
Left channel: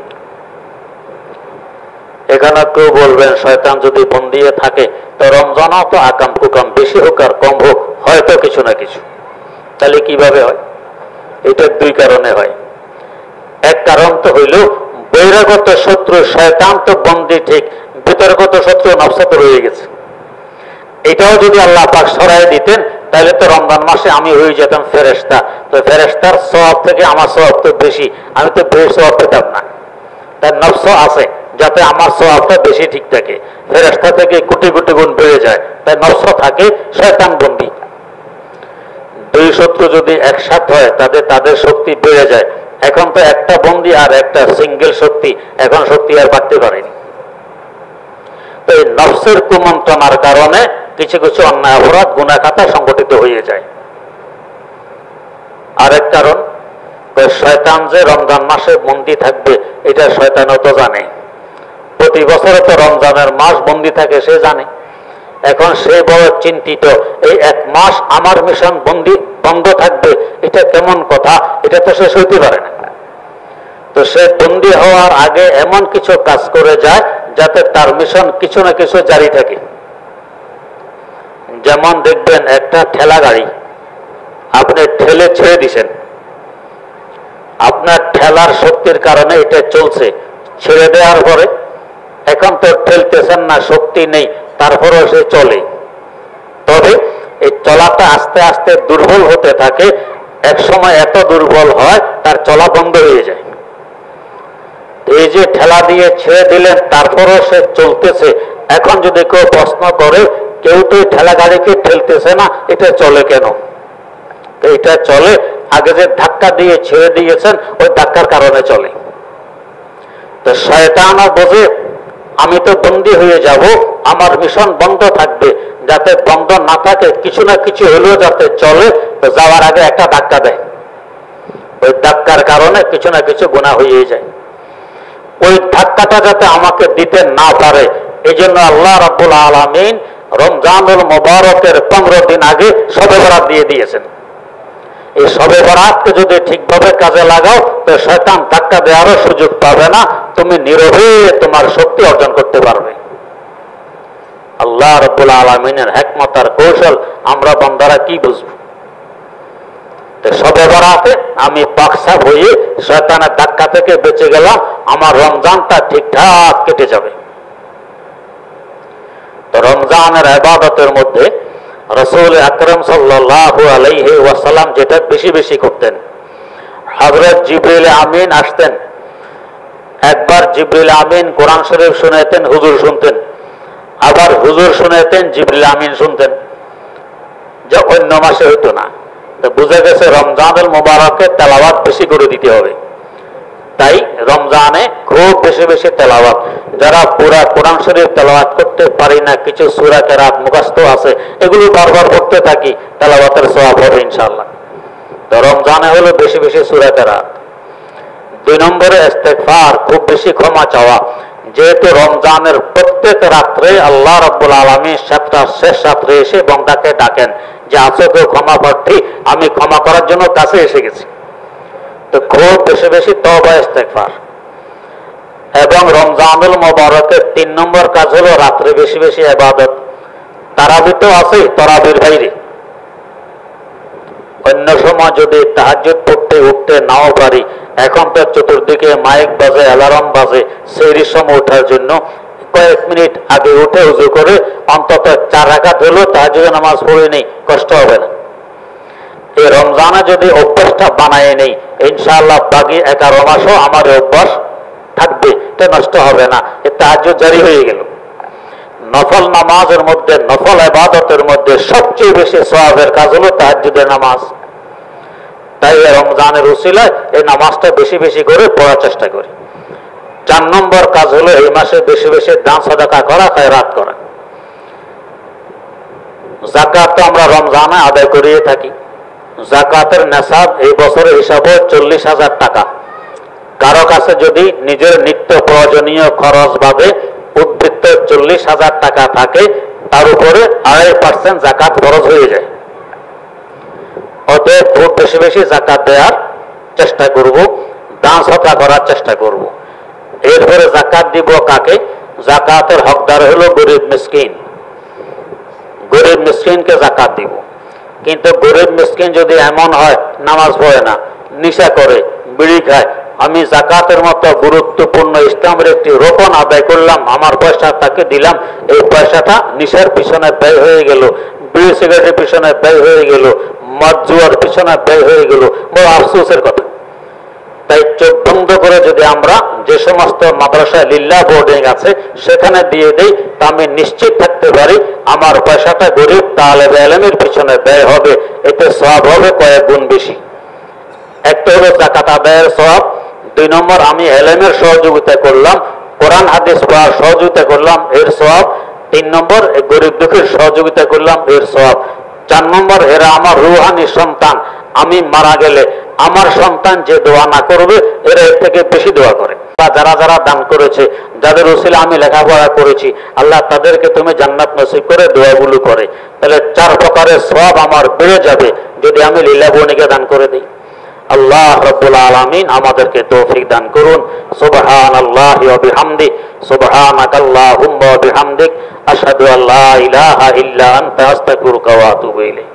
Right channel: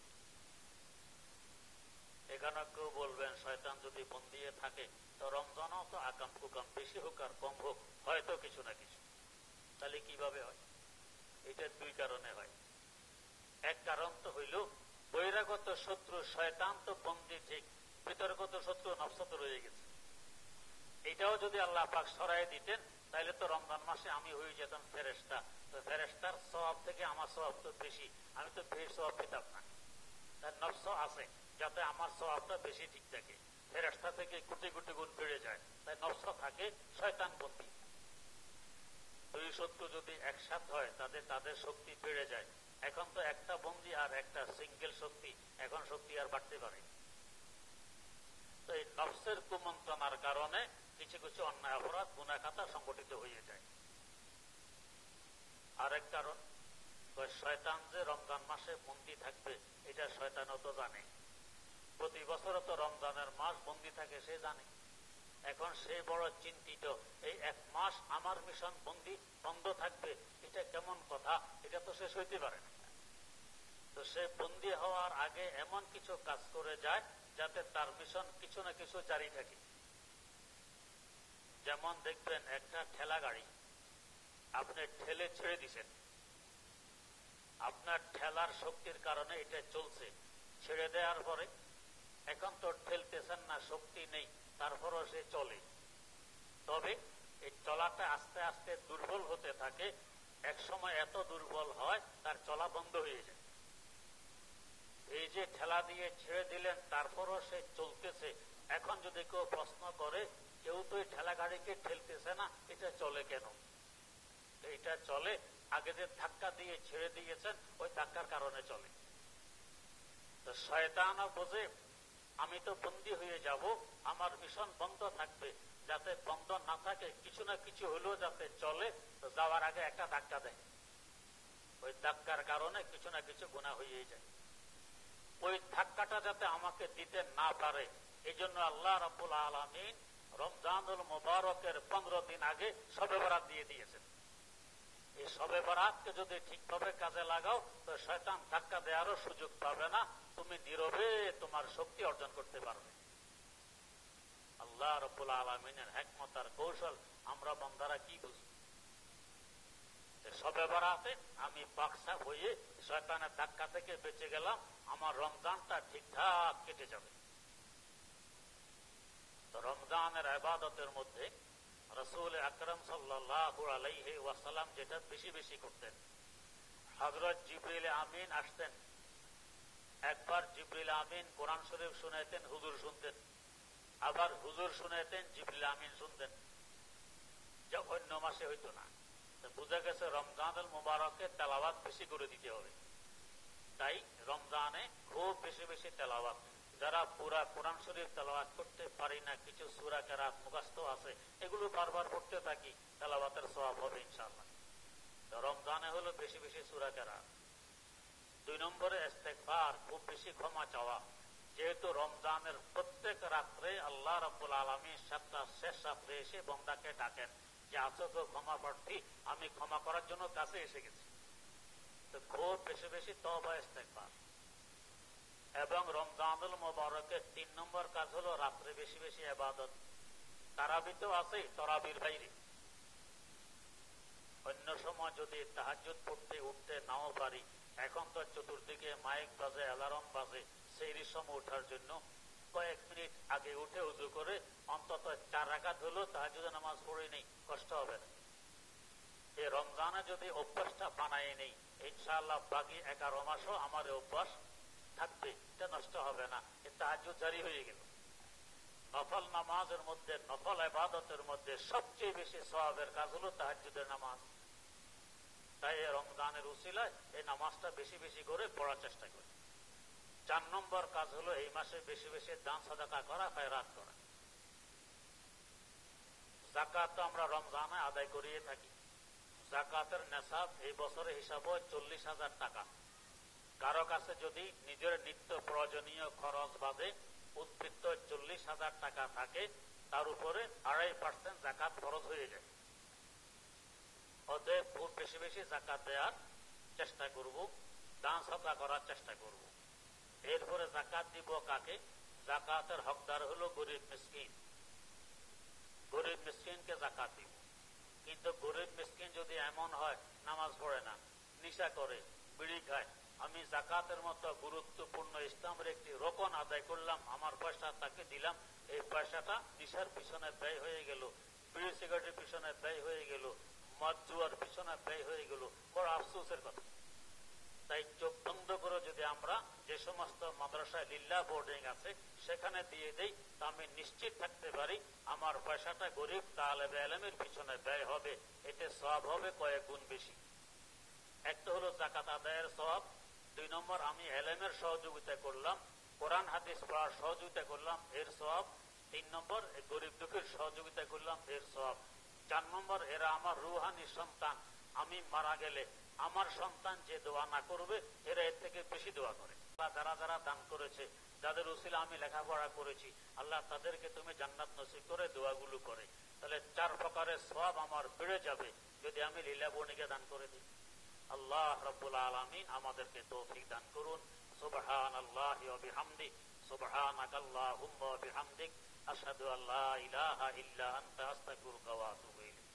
এখানে কেউ বলবেন শয়তান যদি বন্দী থাকে তো রমজানও তো আকাম কুকাম, বেশি হোক আর কম হোক হয়তো কিছু না কিছু। তাহলে কিভাবে হয়? এটা 2 কারণে হয়। এক কারণ তো হইল বহিরাগত শত্রু শয়তান তো বন্দী ঠিক, ভিতরগত শত্রু নফস তো রয়ে গেছে। এটাও যদি আল্লাহ পাক সরাই দিতেন তাহলে তো রমজান মাসে আমি হয়ে যেতাম ফেরেশতা। তো ফেরেশতার সওয়াব থেকে আমার সওয়াব তো বেশি, আমি তো বেশি সওয়াব পেতাম না। তার নফস আছে যাতে আমার সওয়াবটা বেশি ঠিক থাকে, ফেরেশতা থেকে কোটি কোটি গুণ বেড়ে যায়। তাই নফস থাকে, শয়তান বন্দী। 2 শত্রু যদি একসাথে হয় তাদের শক্তি বেড়ে যায়। এখন তো একটা বন্দী আর একটা সিঙ্গেল শক্তি, এখন শক্তি আর বাড়তে পারেনি। তো এই নফসের কুমন্ত্রণার কারণে কিছু কিছু অন্যায় অপরাধ গুনাহ খাতা সংগঠিত হয়ে যায়। আরেক কারণ, শয়তান যে রমজান মাসে বন্দী থাকবে এটা শয়তানও তো জানে। প্রতি বছর তো রমজানের মাস বন্দী থাকে, সে জানে। এখন সে বড় চিন্তিত, এই এক মাস আমার মিশন বন্ধ থাকবে, এটা কেমন কথা, এটা তো সে সইতে পারে না। তো সে বন্দী হওয়ার আগে এমন কিছু কাজ করে যায় যাতে তার মিশন কিছু না কিছু জারি থাকে। যেমন দেখবেন একটা ঠেলা গাড়ি আপনি ঠেলে ছেড়ে দিছেন, আপনার ঠেলার শক্তির কারণে এটা চলছে। ছেড়ে দেওয়ার পরে এখন তো ঠেলতেছেন না, শক্তি নেই, তারপরেও সে চলে। তবে এই চলাটা আস্তে আস্তে দুর্বল হতে থাকে, এক সময় এত দুর্বল হয় তার চলা বন্ধ হয়ে যায়। এই যে ঠেলা দিয়ে ছেড়ে দিলেন তারপরেও সে চলতেছে। এখন যদি কেউ প্রশ্ন করে, কেউ তো ঠেলা গাড়িকে ঠেলতেছে না, এটা চলে কেন? এটা চলে আগে যে ধাক্কা দিয়ে ছেড়ে দিয়েছেন ওই ধাক্কার কারণে চলে। তো শয়তানও বোঝে আমি তো বন্দী হয়ে যাব, আমার মিশন বন্ধ থাকবে, যাতে বন্ধ না থাকে কিছু না কিছু হলেও যাতে চলে। তো যাওয়ার আগে একটা ধাক্কা দেয়, ওই ধাক্কার কারণে কিছু না কিছু গুনাহ হয়ে যায়। ওই ধাক্কাটা যাতে আমাকে দিতে না পারে, এই জন্য আল্লাহ রাব্বুল আলামিন রমজানুল মুবারকের 15 দিন আগে শবে বরাত দিয়ে দিয়েছেন। এই শবে বরাতকে যদি ঠিকভাবে কাজে লাগাও তো শয়তান ধাক্কা দেওয়ারও সুযোগ পাবে না, তুমি নীরবে তোমার শক্তি অর্জন করতে পারবে। আল্লাহ রাব্বুল আলামিনের হিকমত আর কৌশল আমরা বান্দারা কি বুঝব? শবে বরাতে আমি পাকসাফ হয়ে শয়তানের ধাক্কা থেকে বেঁচে গেলাম, আমার রমজানটা ঠিকঠাক কেটে যাবে। তো রমজানের ইবাদতের মধ্যে রাসূল আকরাম সাল্লাল্লাহু আলাইহি ওয়াসাল্লাম যেটা বেশি বেশি করতেন, হযরত জিবরিল আমিন আসতেন। একবার জিবরিল আমিন কোরআন শরীফ শুনাইতেন, হুজুর শুনতেন। আবার হুজুর শুনাইতেন, জিবরিল আমিন শুনতেন, যা অন্য মাসে হইতো না। তো বুঝা গেছে রমজানুল মুবারকে তেলাওয়াত বেশি করে দিতে হবে। তাই রমজানে খুব বেশি বেশি তেলাওয়াত। যারা পুরা কোরআন শরীফ তেলাওয়াত করতে পারি না, কিছু সূরা কেরাত মুখস্থ আছে, এগুলো বারবার পড়তে থাকি, তেলাওয়াতের সওয়াব হবে ইনশাআল্লাহ। তো রমজানে হলো বেশি বেশি সূরা কেরাত। 2 নম্বরে ইস্তেগফার, খুব বেশি ক্ষমা চাওয়া। যেহেতু রমজানের প্রত্যেক রাত্রে আল্লাহ রাব্বুল আলামিন শেষ রাত্রে এসে বান্দাকে ডাকেন যে আছো কেউ ক্ষমা প্রার্থী, আমি ক্ষমা করার জন্য কাছে এসে গেছি। তো খুব বেশি বেশি তওবা ইস্তেগফার। এবং রমজানুল মুবারকের 3 নম্বর কাজ হলো রাত্রে বেশি বেশি ইবাদত। তারাবি তো আছে, তারাবির বাইরে অন্য সময় যদি তাহাজ্জুদ পড়তে উঠতে নাও পারি, এখন তো চতুর্দিকে মাইক বাজে, অ্যালার্ম বাজে, সেহরির সময় ওঠার জন্য কয়েক মিনিট আগে উঠে ওযু করে অন্তত 4 রাকাত হলো তাহাজ্জুদের নামাজ পড়ে নেই, কষ্ট হবে না। এই রমজানে যদি অভ্যাসটা বানায় নেই, ইনশাআল্লাহ বাকি 11 মাসও আমার অভ্যাস থাকবে, এটা নষ্ট হবে না। এই তাহাজ্জুদ জারি হয়ে গেল। নফল নামাজের মধ্যে, নফল ইবাদতের মধ্যে সবচেয়ে বেশি সওয়াবের কাজ হলো তাহাজ্জুদের নামাজ। তাই রমজানের উসিলায় এই নামাজটা বেশি বেশি করে পড়ার চেষ্টা করি। 4 নম্বর কাজ হলো এই মাসে বেশি বেশি দান সাদাকা করা, খায়রাত করা। যাকাত তো আমরা রমজানে আদায় করিয়ে থাকি। যাকাতের নেশাব এই বছরের হিসাবে 40,000 টাকা। কারো কাছে যদি নিজের নিত্য প্রয়োজনীয় খরচ বাদে উদ্বৃত্ত 40,000 টাকা থাকে, তার উপরে 2.5% যাকাত খরচ হয়ে যায়। অতএব খুব বেশি বেশি যাকাত দেওয়ার চেষ্টা করব, দান সদকা করার চেষ্টা করব। এরপরে যাকাত দিব কাকে? যাকাতের হকদার হলো গরিব মিসকিন। গরিব মিসকিনকে যাকাত দিব। কিন্তু গরিব মিসকিন যদি এমন হয় নামাজ পড়ে না, নেশা করে, বিড়ি খায়, আমি যাকাতের মতো গুরুত্বপূর্ণ ইসলামের একটি রোকন আদায় করলাম, আমার পয়সা তাকে দিলাম, এই পয়সাটা নেশার পিছনে ব্যয় হয়ে গেল, বিড়ি সিগারেটের পিছনে ব্যয় হয়ে গেল, মদ জুয়ার পিছনে ব্যয় হয়ে গেল, বড় আফসোসের কথা। তাই চোখ বন্ধ করে যদি আমরা যে সমস্ত মাদ্রাসায় লিল্লাহ বোর্ডিং আছে সেখানে দিয়ে দেই, তা আমি নিশ্চিত থাকতে পারি আমার পয়সাটা গরিব তালেবে ইলমের পিছনে ব্যয় হবে, এতে সওয়াব হবে কয়েক গুণ বেশি। একটা হলো যাকাত আদায়ের সওয়াব। 2 নম্বর আমি ইলমের সহযোগিতা করলাম, কোরআন হাদিস পড়ার সহযোগিতা করলাম, এর সওয়াব। 3 নম্বর গরিব দুঃখীর সহযোগিতা করলাম, এর সওয়াব। 4 নম্বর, এরা আমার রুহানি সন্তান, আমি মারা গেলে আমার সন্তান যে দোয়া না করবে এরা এর থেকে বেশি দোয়া করে। যারা যারা দান করেছে, যাদের উসিলা আমি লেখাপড়া করেছি, আল্লাহ তাদেরকে তুমি জান্নাত নসিব করে দোয়াগুলো করে। তাহলে 4 প্রকারের সওয়াব আমার বেড়ে যাবে যদি আমি লীলা বনিকে দান করে দিই। আল্লাহ রাব্বুল আলামিন আমাদেরকে তৌফিক দান করুন। সুবহানাল্লাহি ওয়া বিহামদি, সুবহানাকাল্লাহুম্মা ওয়া বিহামদিক, আশহাদু আল্লা ইলাহা ইল্লা আনতা, আস্তাগফিরুকা ওয়া আতুবু ইলাইক।